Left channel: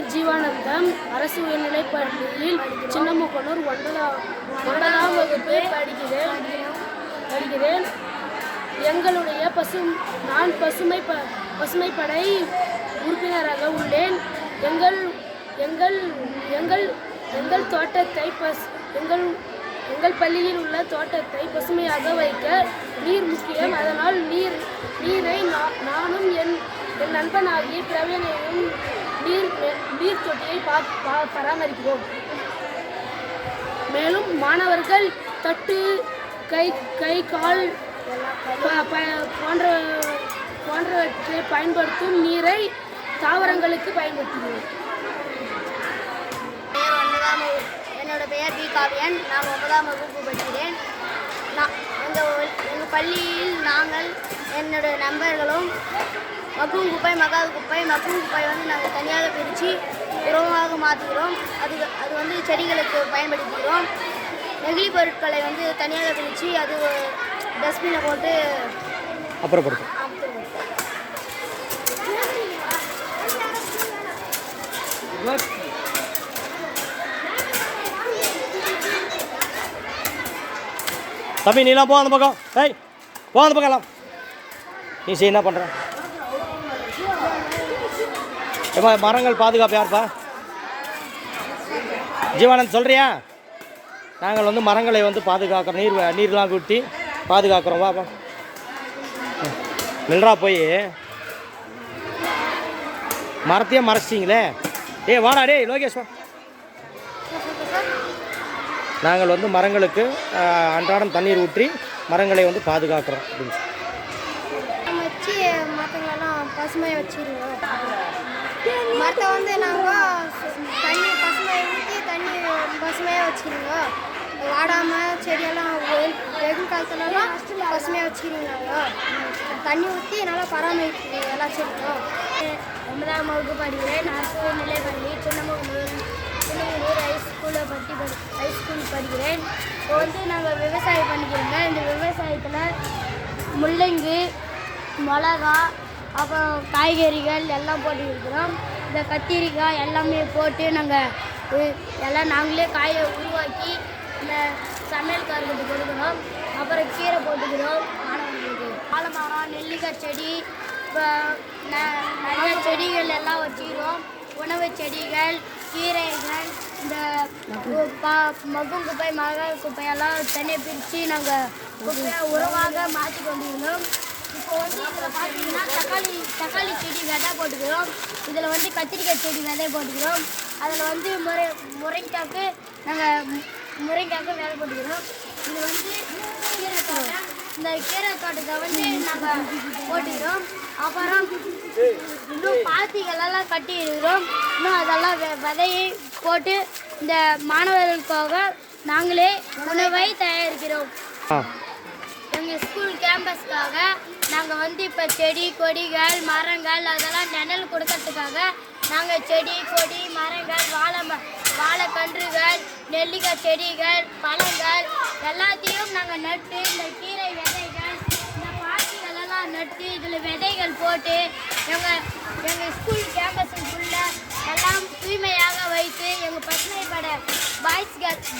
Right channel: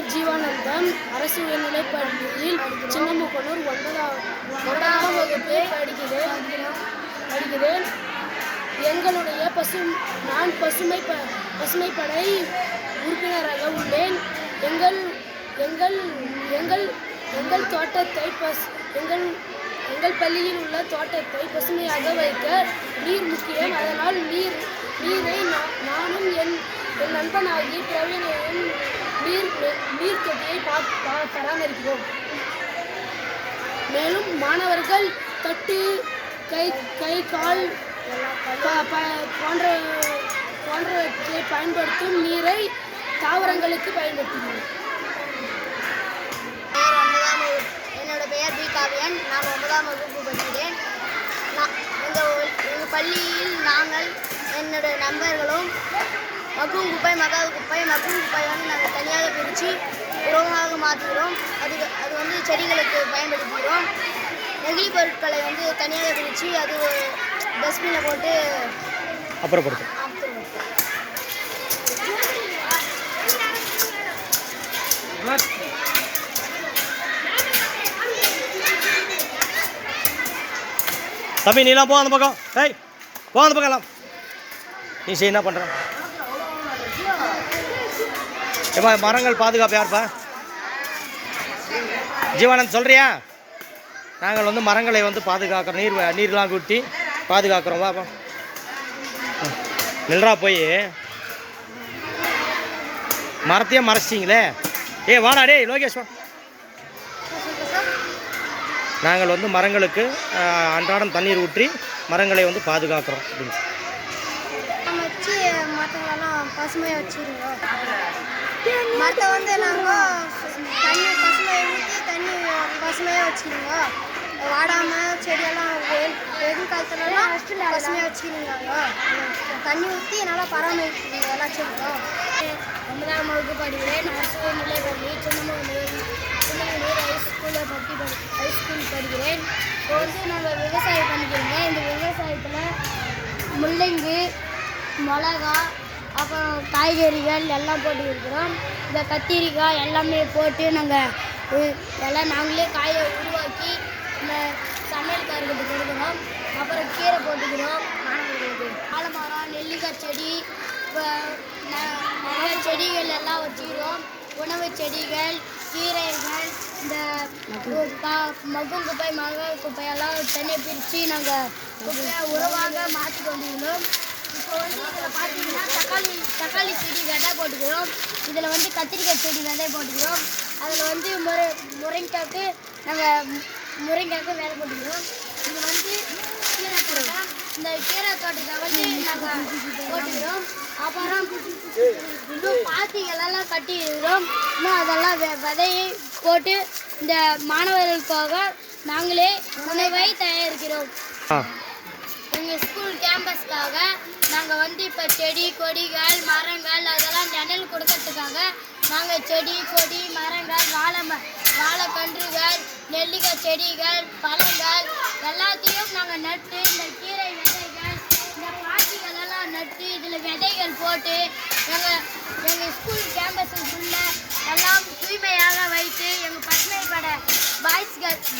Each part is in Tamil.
பெயர் ஜீவானந்தம். அரசு உயர்நிலைப் பள்ளியில் சின்னமுக்கனூர் 9ஆம் வகுப்பு படிக்கிறேன். எங்களுடைய நான் பசுமைப்படை உறுப்பினராக உள்ளேன். எங்கள் தோட்டத்தை எங்கள் பள்ளியில் உள்ள தோட்டத்தை பசுமையாக வைக்க நீர் முக்கியம். அதனால் நீரை நானும் என் நண்பனாகி பிரவீனையும் நீர் தொட்டியை பராமரிக்கிறோம். மேலும் மாணவர்கள் தட்டு, கை கால் போன்றவற்றை பயன்படுத்தும் நீரை தாவரங்களுக்கு பயன்படுத்துகிறோம். என்னோட பெயர் பி காவியன். நான் 9ஆம் வகுப்பு படிக்கிறேன். எங்கள் பள்ளியில் நாங்கள் என்னுடைய நண்பர்களும் மக்கும் குப்பை, மக்காத குப்பை, மக்கும் குப்பை நாங்கள் தனியாக பிரித்து உரமாக மாற்றுகிறோம். அது செடிகளுக்கு பயன்படுத்துகிறோம். நெகிழி பொருட்களை தனியாக பிரித்து அது டஸ்ட்பினில் போட்டு அப்புறப்படுத்தும். தம்பி நீலாம் போ அந்த பக்கம். போ அந்த பக்கம் எல்லாம். நீ என்ன பண்ணுற? எப்பா மரங்கள் பாதுகாப்பு யாருப்பா? ஜீவானந்த் சொல்கிறியா? நாங்கள் மரங்களை பாதுகாக்கிறோம். நீர்லாம் கூட்டி பாதுகாக்கிறோம். வாப்பா நில்றா. போய் மரத்தையே மறைச்சிங்களே. வாடா டே லோகேஷ் வா. நாங்கள் மரங்களுக்கு அன்றாடம் தண்ணீர் ஊற்றி மரங்களை பாதுகாக்கிறோம் அப்படின்னு பசுமையை வச்சுருவோம். மரத்தை நாங்கள் தண்ணி பசுமையை ஊற்றி தண்ணி பசுமையாக வச்சுருவோம். வாடாமல் செடியெல்லாம் வெயில் காலத்துலலாம் பசுமையாக வச்சுருந்தாங்க. தண்ணி ஊற்றி நல்லா பராமரிக்கிறோம் எல்லா செடியும். 9ஆம் வகுப்பு படிக்கிறேன். அரசு உயர்நிலைப் பள்ளி சின்னமுக்கனூர் ஹைஸ்கூல் படிக்கிறேன். இப்போ நாங்கள் விவசாயம் பண்ணிக்கிறோங்க. இந்த விவசாயத்தில் முள்ளங்கி, மிளகா, அப்புறம் காய்கறிகள் எல்லாம் போட்டுக்கிறோம். இந்த கத்திரிக்காய் எல்லாமே போட்டு நாங்கள் எல்லாம் நாங்களே காயை உருவாக்கி இந்த சமையல்காரர்கிட்ட கொடுக்குறோம். அப்புறம் கீரை போட்டுக்கிறோம். ஆலமரம், நெல்லிக்காய் செடி, இப்போ நிறைய செடிகள் எல்லாம் வச்சுக்கிறோம். உணவு செடிகள், கீரைகள், இந்த மக்கும் குப்பை, மகால் குப்பையெல்லாம் தனியாக பிரித்து நாங்கள் குப்பையை உரமாக மாற்றி கொண்டிருக்கிறோம். இப்போ இதில் பார்த்தீங்கன்னா தக்காளி செடி விதை போட்டுக்கிறோம். இதில் கத்திரிக்காய் செடி விதை போட்டுக்கிறோம். அதில் முருங்கைக்காய்க்கு நாங்கள் வேலை போட்டுக்கிறோம். இது கீரை தோட்டம். இந்த கீரை தோட்டத்தை நாங்கள் போட்டுக்கிறோம். அப்புறம் இன்னும் பாத்திகளெல்லாம் கட்டிக்கிறோம். இன்னும் அதெல்லாம் விதையை போட்டு இந்த மாணவர்களுக்காக நாங்களே உணவை தயாரிக்கிறோம். எங்கள் ஸ்கூல் கேம்பஸ்க்காக நாங்கள் இப்போ செடி, கொடிகள், மரங்கள் அதெல்லாம் நிழல் கொடுக்கறதுக்காக நாங்கள் செடி, கொடி, மரங்கள், வாழைக்கன்றுகள், நெல்லிக்காய் செடிகள், பழங்கள் எல்லாத்தையும் நாங்கள் நட்டு இந்த கீரை விதைகள், இந்த பாத்திகளெல்லாம் நட்டு இதில் விதைகள் போட்டு எங்கள் ஸ்கூல் கேம்பஸுக்குள்ள எல்லாம் தூய்மையாக வைத்து எங்கள் பசுமைப்பட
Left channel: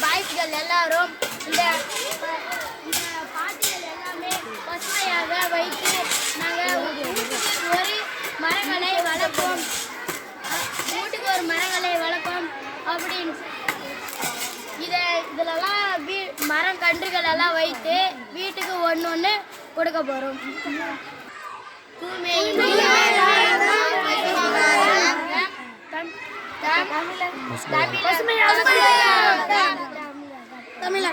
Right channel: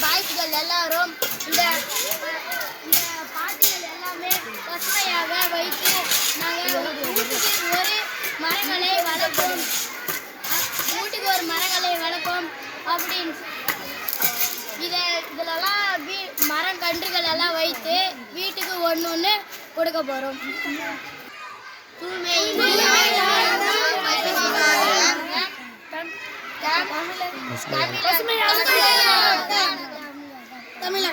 பாய்ஸ்கள் எல்லாரும் இந்த பாத்திகள் எல்லாமே பசுமையாக வைத்து நாங்கள் வீட்டுக்கு ஒரு மரங்களை வளர்ப்போம். அப்படின்னு இதிலெல்லாம் மரம் கன்றுகள் எல்லாம் வைத்து வீட்டுக்கு ஒன்று கொடுக்க போகிறோம். தமிழ்